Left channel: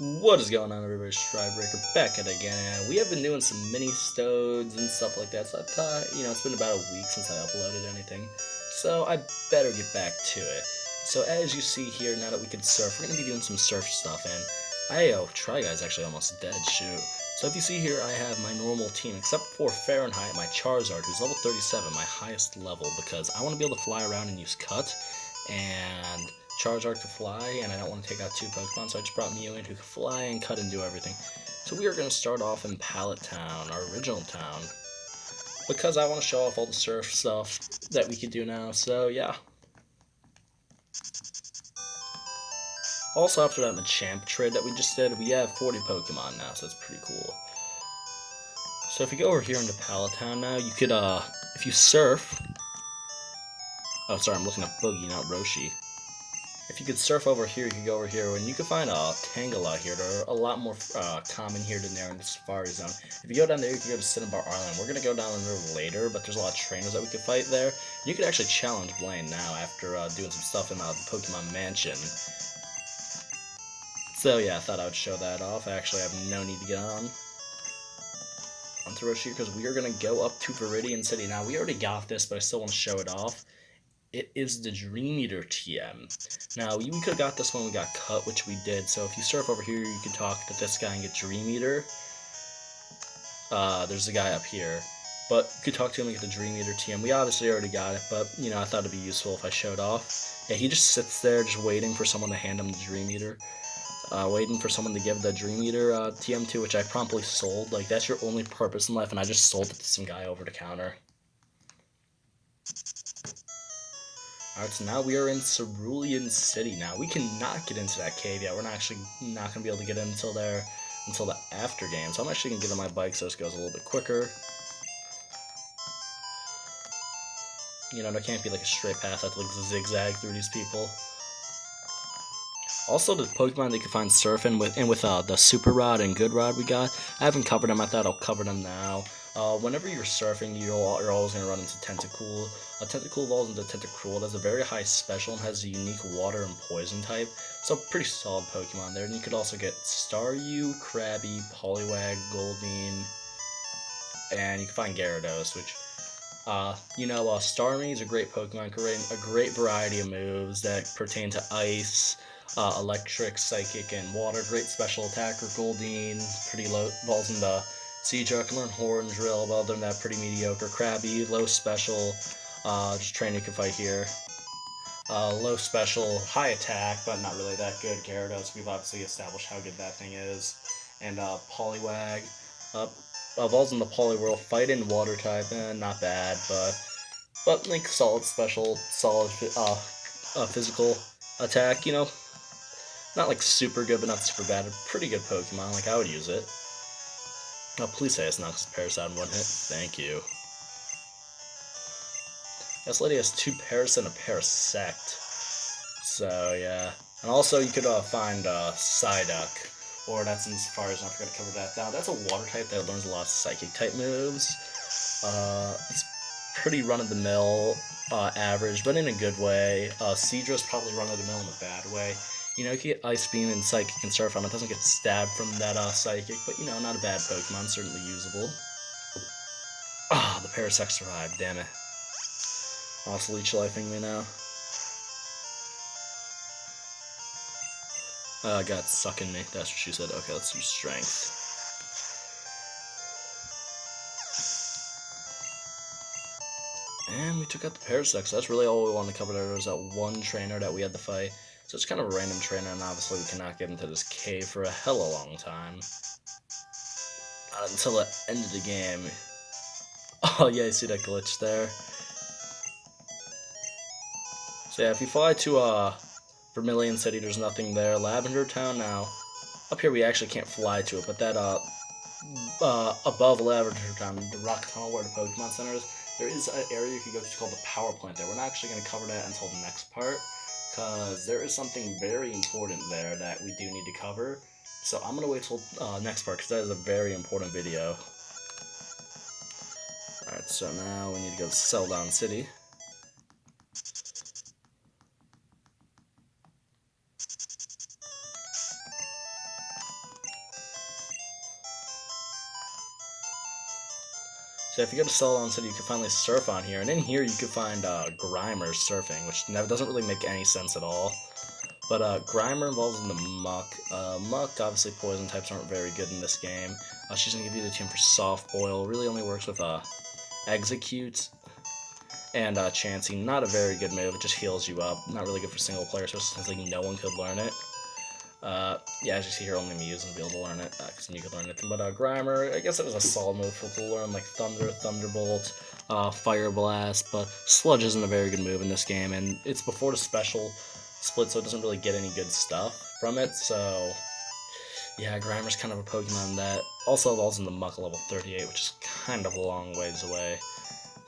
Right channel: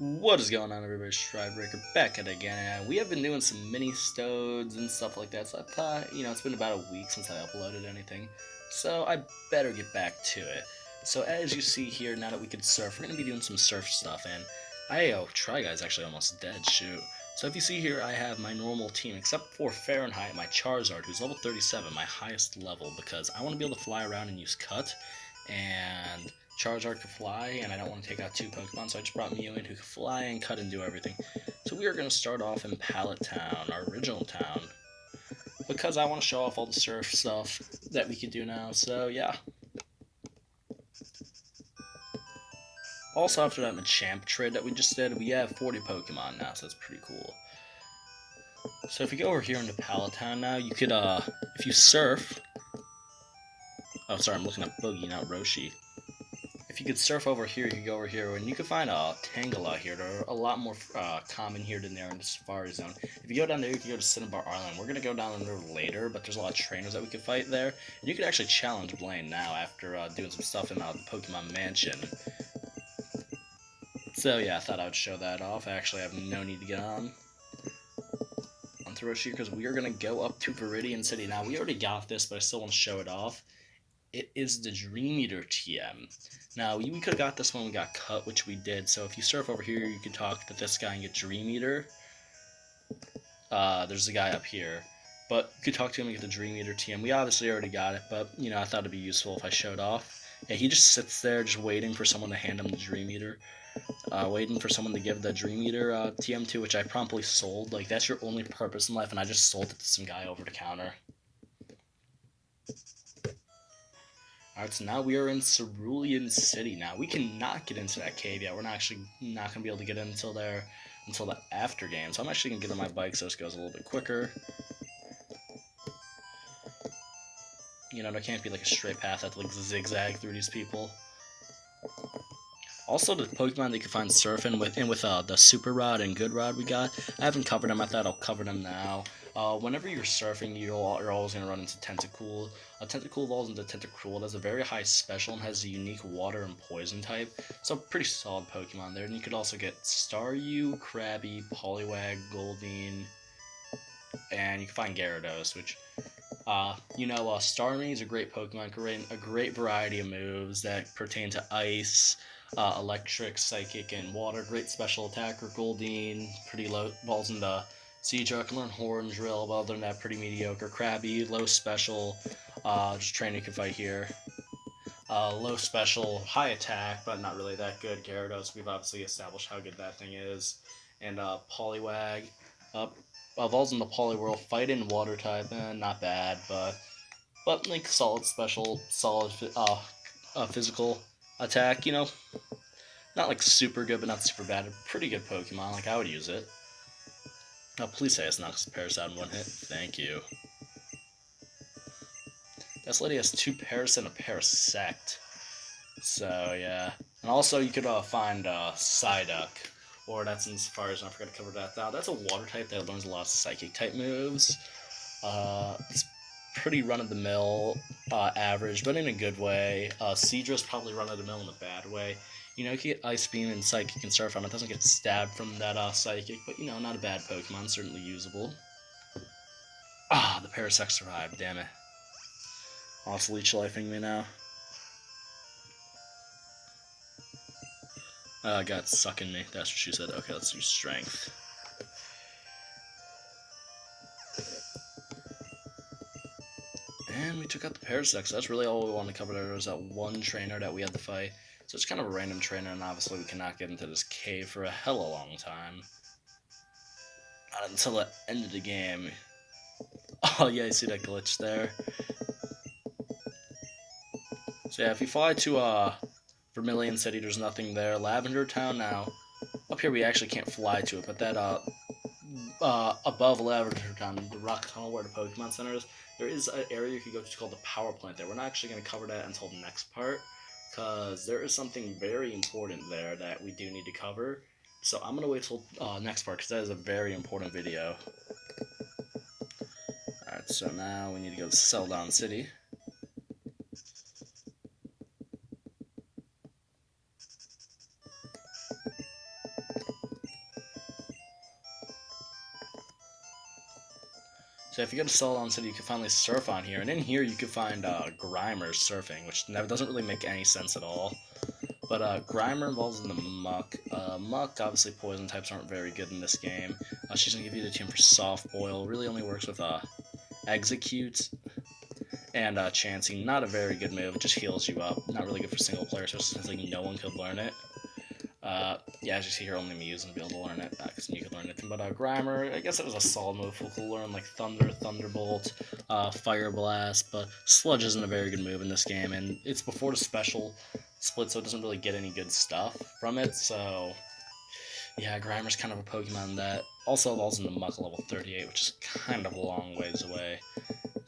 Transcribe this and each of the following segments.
What is going on, everybody? Stridebreaker back at it again, and we have been doing some mini stodes and stuff like that. So I thought, it's been about a week since I uploaded anything, so I better get back to it. So as you see here, now that we can surf, we're gonna be doing some surf stuff, and Try Guy's actually almost dead. Shoot. So if you see here, I have my normal team, except for Fahrenheit, my Charizard, who's level 37, my highest level, because I want to be able to fly around and use Cut, and Charizard could fly, and I don't want to take out two Pokemon, so I just brought Mew in who could fly and cut and do everything. So we are going to start off in Pallet Town, our original town, because I want to show off all the surf stuff that we could do now, so yeah. Also, after that Machamp trade that we just did, we have 40 Pokemon now, so that's pretty cool. So if you go over here into Pallet Town now, you could, if you surf... Oh, sorry, I'm looking at Boogie, not Roshi. If you could surf over here, you could go over here, and you can find a Tangela here. They're a lot more common here than there in the Safari Zone. If you go down there, you can go to Cinnabar Island. We're going to go down there later, but there's a lot of trainers that we could fight there. And you could actually challenge Blaine now after doing some stuff in the Pokemon Mansion. So yeah, I thought I would show that off. I actually have no need to get onto Roshi because we are going to go up to Viridian City. Now, we already got this, but I still want to show it off. It is the Dream Eater TM. Now, we could have got this when we got cut, which we did. So if you surf over here, you can talk to this guy and get Dream Eater. There's a guy up here. But you could talk to him and get the Dream Eater TM. We obviously already got it, but, I thought it'd be useful if I showed off. Yeah, he just sits there just waiting for someone to hand him the Dream Eater. Waiting for someone to give the Dream Eater TM to, which I promptly sold. Like, that's your only purpose in life, and I just sold it to some guy over the counter. Alright, so now we are in Cerulean City now. We cannot get into that cave yet. We're not going to be able to get in until there, until the after game. So I'm actually going to get on my bike so this goes a little bit quicker. There can't be like a straight path. I have to like zigzag through these people. Also, the Pokemon that you can find surfing with the Super Rod and Good Rod we got, I haven't covered them. I thought I'll cover them now. Whenever you're surfing, you're always going to run into Tentacool. Tentacool evolves into Tentacruel. It has a very high special and has a unique water and poison type. So pretty solid Pokemon there. And you could also get Staryu, Krabby, Poliwag, Goldeen, and you can find Gyarados, which... Starmie is a great Pokemon, a great variety of moves that pertain to Ice, Electric, Psychic, and Water. Great special attacker, Goldeen, pretty low, balls into Siege, I can learn Horn Drill, but other than that, pretty mediocre. Krabby, low special, just trainer you can fight here. Low special, high attack, but not really that good. Gyarados, we've obviously established how good that thing is. And Poliwag, evolves in the Poliwhirl, fight in water type, not bad, but like solid special, solid physical attack, not like super good, but not super bad. A pretty good Pokemon, like I would use it. Oh, please say it's not because Parasite one hit. Thank you. This lady has 2 Paras and a Parasect. So yeah, and also you could find Psyduck. Or that's in Safari Zone, I forgot to cover that. Now, that's a water type that learns a lot of psychic type moves. It's pretty run-of-the-mill, average, but in a good way. Seadra's probably run-of-the-mill in a bad way. You can get Ice Beam and Psychic and Surf on it. Doesn't get stabbed from that Psychic, but, not a bad Pokemon. Certainly usable. The Parasect survived, damn it. Oh, it's Leech Lifing me now. Got sucking me. That's what she said. Okay, let's use Strength. And we took out the Parasect, so that's really all we wanted to cover. There was that one trainer that we had to fight. So it's kind of a random trainer, and obviously we cannot get into this cave for a hella long time. Until the end of the game. Oh yeah, you see that glitch there? So yeah, if you fly to Vermilion City, there's nothing there. Lavender Town now. Up here we actually can't fly to it, but that above Lavender Town, the rock tunnel where the Pokemon Center is, there is an area you can go to called the Power Plant there. We're not actually going to cover that until the next part, because there is something very important there that we do need to cover. So I'm going to wait till next part, because that is a very important video. Alright, so now we need to go to Celadon City. So if you go to Celadon City, you can finally surf on here, and in here you can find Grimer surfing, which doesn't really make any sense at all. But Grimer involves in the Muck. Muck, obviously poison types aren't very good in this game. She's going to give you the team for Soft Boil. Really only works with Execute and Chansey. Not a very good move, it just heals you up. Not really good for single player, so since like, no one could learn it. Yeah, as you see here, only Muse will be able to learn it, because you could learn anything. But Grimer, I guess it was a solid move to learn, like Thunder, Thunderbolt, Fire Blast, but Sludge isn't a very good move in this game, and it's before the special split, so it doesn't really get any good stuff from it, so yeah, Grimer's kind of a Pokemon that also evolves into Muck level 38, which is kind of a long ways away.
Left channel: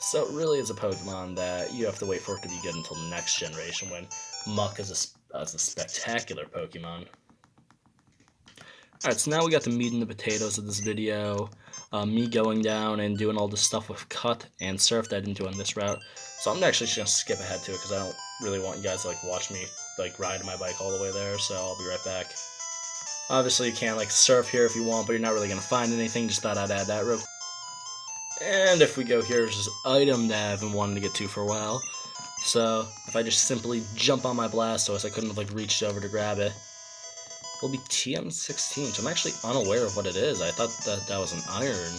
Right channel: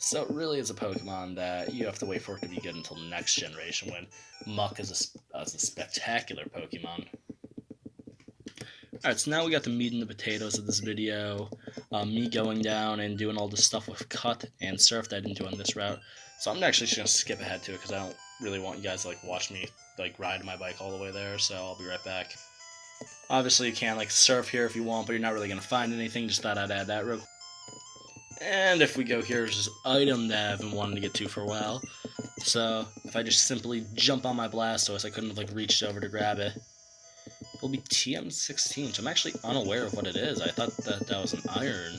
So it really is a Pokemon that you have to wait for it to be good until the next generation, when Muck is a spectacular Pokemon. Alright, so now we got the meat and the potatoes of this video. Me going down and doing all this stuff with Cut and Surf that I didn't do on this route. So I'm actually just going to skip ahead to it because I don't really want you guys to like watch me like ride my bike all the way there, so I'll be right back. Obviously you can like surf here if you want, but you're not really going to find anything. Just thought I'd add that real quick. And if we go here, there's this item that I've been wanting to get to for a while. So if I just simply jump on my Blastoise, I couldn't have like reached over to grab it. It'll be TM16, so I'm actually unaware of what it is. I thought that was an iron.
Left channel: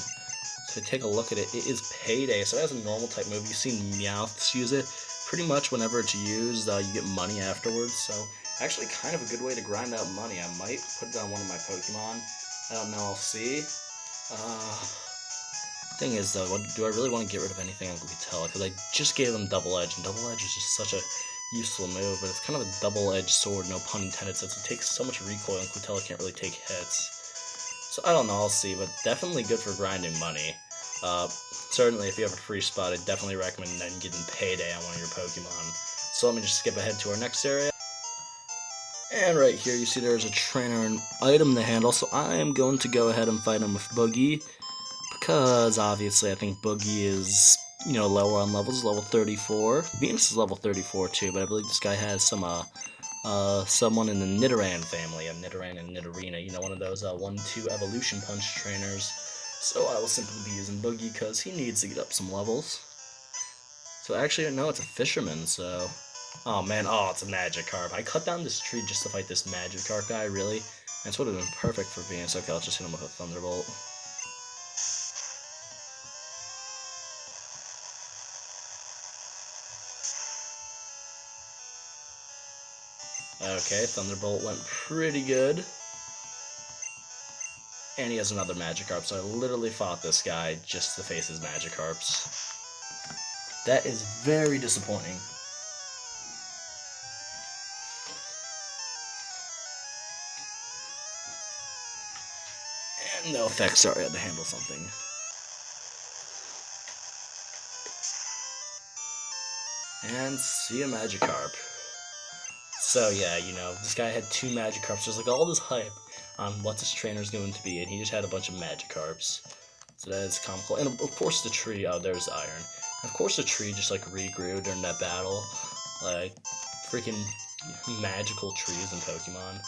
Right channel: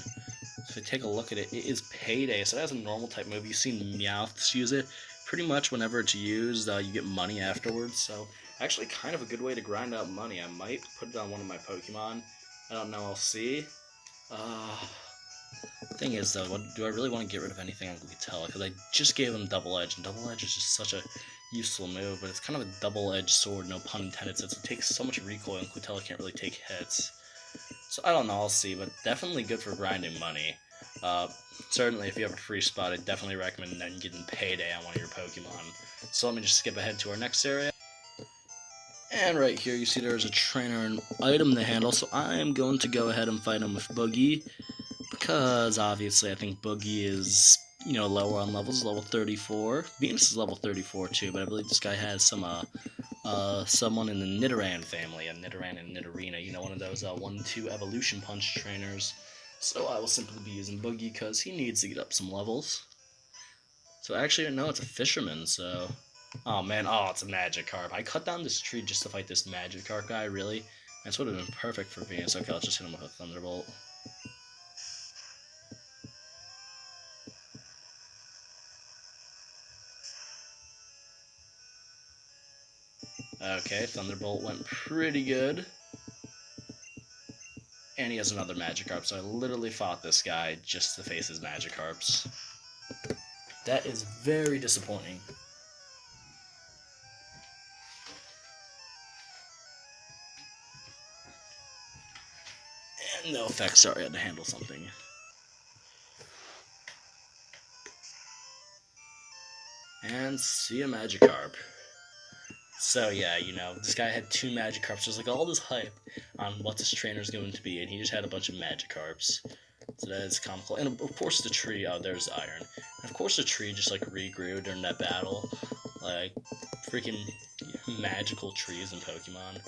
So if you take a look at it, it is Payday. So it has a normal type move. You've seen Meowths use it. Pretty much whenever it's used, you get money afterwards. So actually kind of a good way to grind out money. I might put it on one of my Pokemon. I don't know, I'll see. Thing is though, do I really want to get rid of anything on Glucatella? Because I just gave him Double Edge, and Double Edge is just such a useful move, but it's kind of a double-edged sword, no pun intended, since it takes so much recoil and Glucatella can't really take hits. So I don't know, I'll see, but definitely good for grinding money. Certainly if you have a free spot, I definitely recommend then getting Payday on one of your Pokemon. So let me just skip ahead to our next area. And right here you see there's a trainer and item to handle, so I am going to go ahead and fight him with Boogie. Because obviously I think Boogie is, you know, lower on levels, level 34. Venus is level 34 too, but I believe this guy has someone in the Nidoran family, a Nidoran and Nidorina, you know, one of those 1-2 Evolution Punch trainers. So I will simply be using Boogie because he needs to get up some levels. So actually, no, it's a Fisherman, so... Oh man, oh, it's a Magikarp. I cut down this tree just to fight this Magikarp guy, really? This would have been perfect for Venus. Okay, I'll just hit him with a Thunderbolt. Okay, Thunderbolt went pretty good. And he has another Magikarp, so I literally fought this guy just to face his Magikarps. That is very disappointing. And no effect, sorry, I had to handle something. And see a Magikarp. So yeah, you know, this guy had 2 Magikarps. There's like all this hype on what this trainer's going to be, and he just had a bunch of Magikarps. So that is comical. And of course the tree, oh, there's the iron. And of course the tree just like regrew during that battle. Like, freaking magical trees in Pokemon.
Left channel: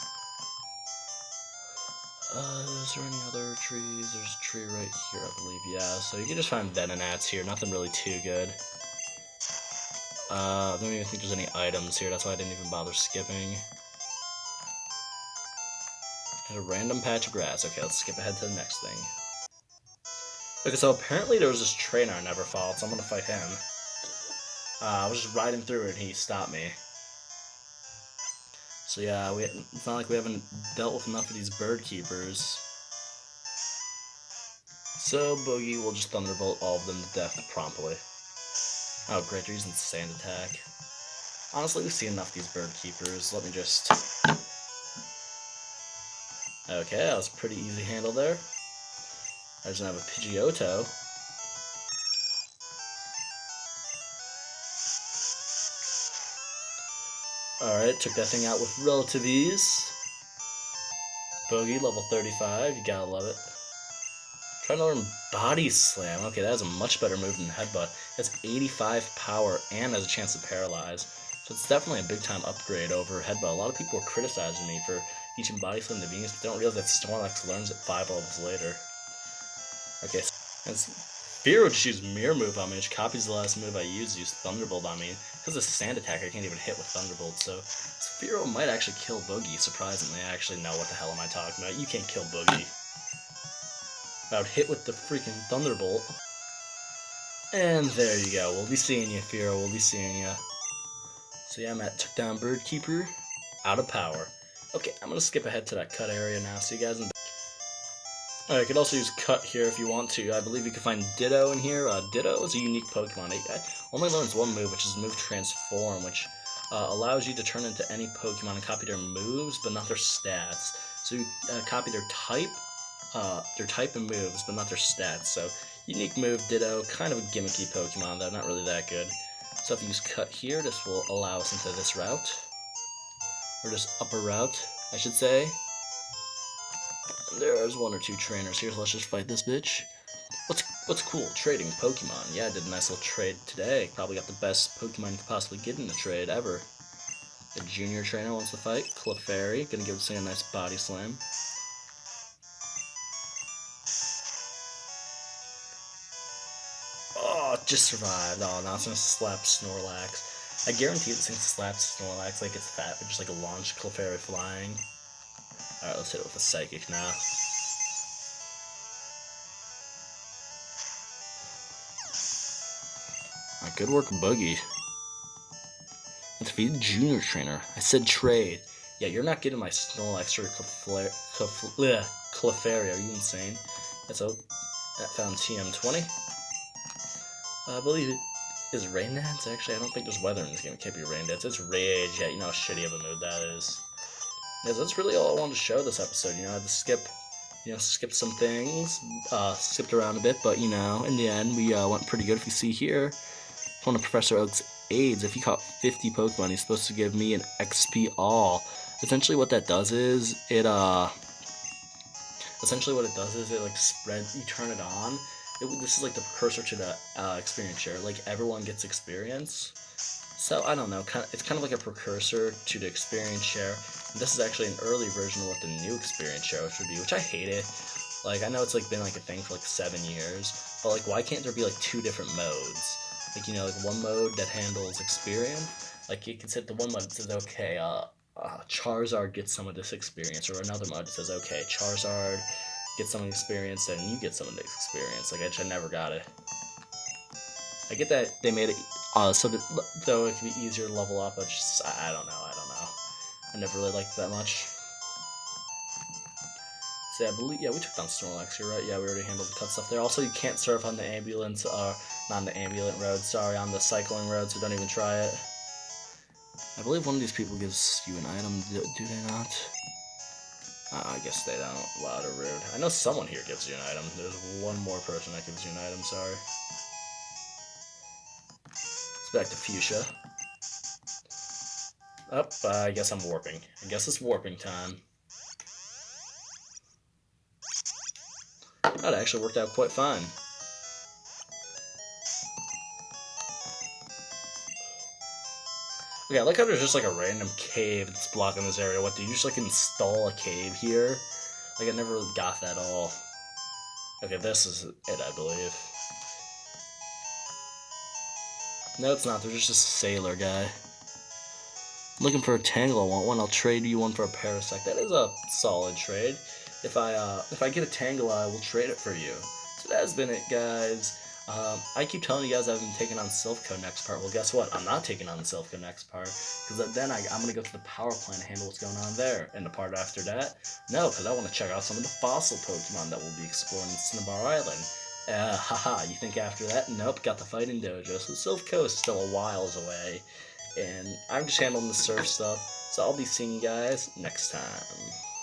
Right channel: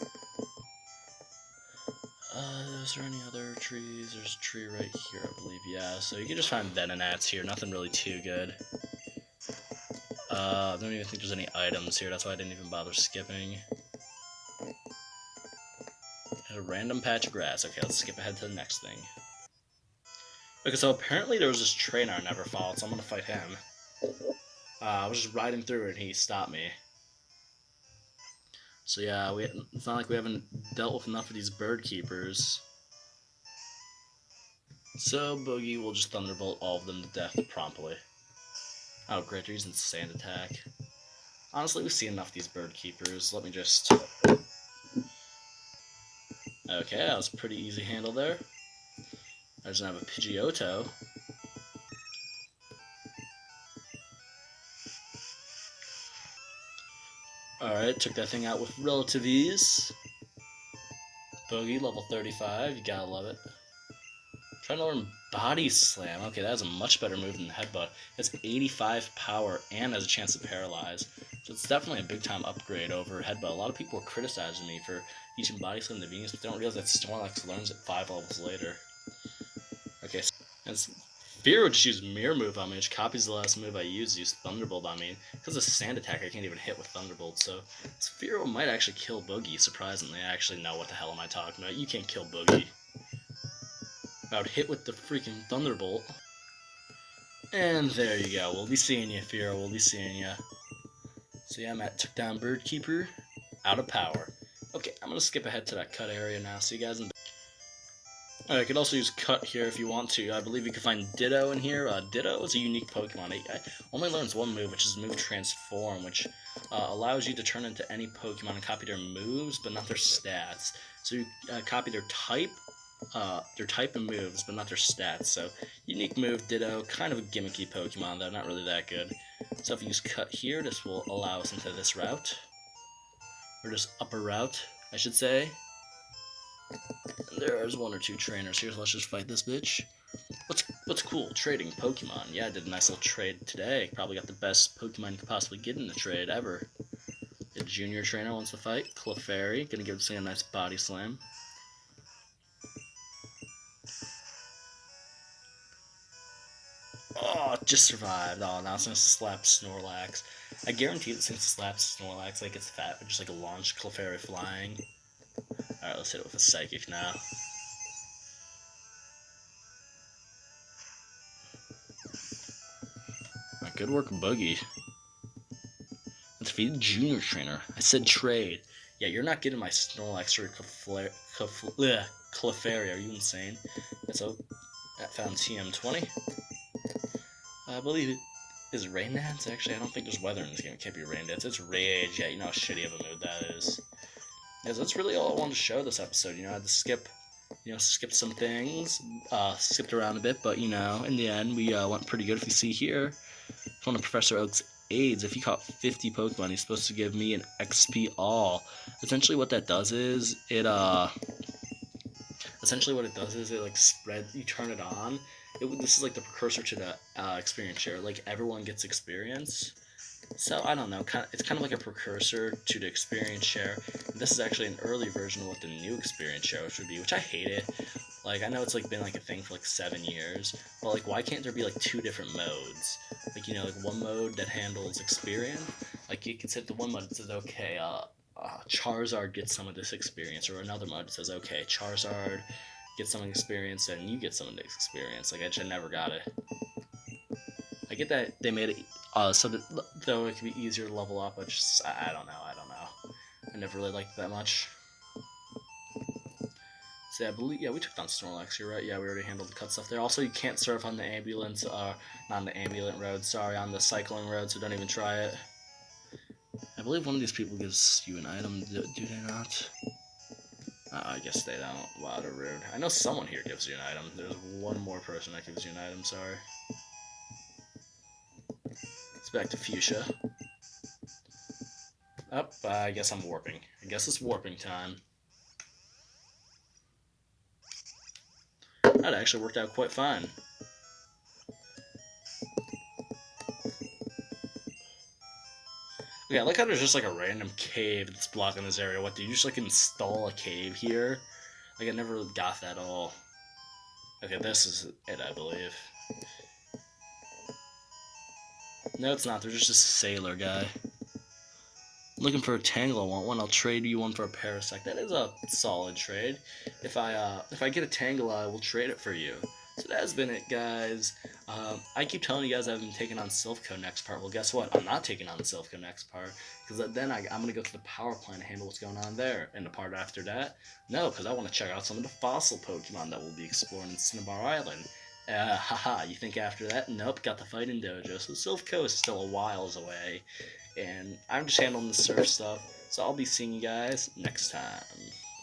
Is there any other trees? There's a tree right here, I believe. Yeah, so you can just find Venonats here. Nothing really too good. I don't even think there's any items here. That's why I didn't even bother skipping. A random patch of grass. Okay, let's skip ahead to the next thing. Okay, so apparently there was this trainer I never fought, so I'm gonna fight him. I was just riding through it and he stopped me. So yeah, it's not like we haven't dealt with enough of these bird keepers. So Boogie will just Thunderbolt all of them to death promptly. Oh great, they're using Sand Attack. Honestly, we've seen enough of these bird keepers. Let me just... Okay, that was a pretty easy handle there. I just have a Pidgeotto. Alright, took that thing out with relative ease. Boogie, level 35, you gotta love it. Trying to learn Body Slam. Okay, that is a much better move than Headbutt. It's 85 power and has a chance to paralyze. So it's definitely a big time upgrade over Headbutt. A lot of people are criticizing me for teaching Body Slam to Venus, but they don't realize that Snorlax learns it 5 levels later. Okay, so it's Fear would just use Mirror Move on me, which copies the last move I used Thunderbolt on me. Because of Sand Attack, I can't even hit with Thunderbolt, so Spearow might actually kill Boogie, surprisingly. I actually know what the hell am I talking about. You can't kill Boogie. I would hit with the freaking Thunderbolt. And there you go. We'll be seeing you, Fearow. We'll be seeing you. So yeah, Matt took down Birdkeeper. Out of power. Okay, I'm going to skip ahead to that cut area now. See you guys in... Alright, you could also use Cut here if you want to. I believe you can find Ditto in here. Ditto is a unique Pokemon. It only learns one move, which is move Transform, which allows you to turn into any Pokemon and copy their moves, but not their stats. So you copy their type and moves, but not their stats. So, unique move, Ditto, kind of a gimmicky Pokemon, though, not really that good. So if you use Cut here, this will allow us into this route. Or this upper route, I should say. There's one or two trainers here, so let's just fight this bitch. What's cool? Trading Pokemon. Yeah, I did a nice little trade today. Probably got the best Pokemon you could possibly get in the trade ever. The junior trainer wants to fight. Clefairy, gonna give this thing a nice body slam. Oh, just survived. Oh, now it's gonna slap Snorlax. I guarantee this thing slaps Snorlax like it's fat, just like a launch Clefairy flying. Alright, let's hit it with a Psychic now. Good work, Boogie. Let's feed the junior trainer. I said trade. Yeah, you're not getting my Snorlax or Clefairy. Are you insane? Yeah, so that found TM20. I believe it is Rain Dance. Actually, I don't think there's weather in this game. It can't be Rain Dance. It's Rage. Yeah, you know how shitty of a move that is. Yeah, so that's really all I wanted to show this episode. You know, I had to skip some things, skipped around a bit, but you know, in the end, we went pretty good. If you see here, one of Professor Oak's aids, if he caught 50 Pokemon, he's supposed to give me an XP all. Essentially, what that does is it like spread. You turn it on. This is like the precursor to the experience share. Like everyone gets experience. So, I don't know, it's kind of like a precursor to the experience share. This is actually an early version of what the new experience share should be, which I hate it. Like, I know it's like been like a thing for like 7 years, but like, why can't there be like 2 different modes? Like, you know, like one mode that handles experience. Like, you can set the one mode that says, okay, Charizard gets some of this experience, or another mode that says, okay, Charizard gets some of the experience, and you get some of this experience. Like, I never got it. I get that they made it so that though it can be easier to level up, but just I don't know. I never really liked it that much. So yeah, I believe we took down Snorlax. You're right. Yeah, we already handled the cut stuff there. Also, you can't surf on the ambulance, not on the ambulant road. Sorry, on the cycling road. So don't even try it. I believe one of these people gives you an item. Do they not? I guess they don't. Wow, they're rude. I know someone here gives you an item. There's one more person that gives you an item. Sorry. Back to Fuchsia. I guess I'm warping. I guess it's warping time. That actually worked out quite fine. Okay, I like how there's just like a random cave that's blocking this area. What, did you just like install a cave here? Like, I never really got that at all. Okay, this is it, I believe. No, it's not. There's just a sailor guy. I'm looking for a Tangle. I want one. I'll trade you one for a Parasect. That is a solid trade. If I get a Tangle, I will trade it for you. So that has been it, guys. I keep telling you guys I've been taking on Silph Co next part. Well, guess what? I'm not taking on the Silph Co next part, because then I'm going to go to the power plant and handle what's going on there. And the part after that, no, because I want to check out some of the fossil Pokemon that we'll be exploring in Cinnabar Island. Haha, you think after that? Nope, got the fighting dojo. So Silph Co is still a whiles away, and I'm just handling the surf stuff. So I'll be seeing you guys next time.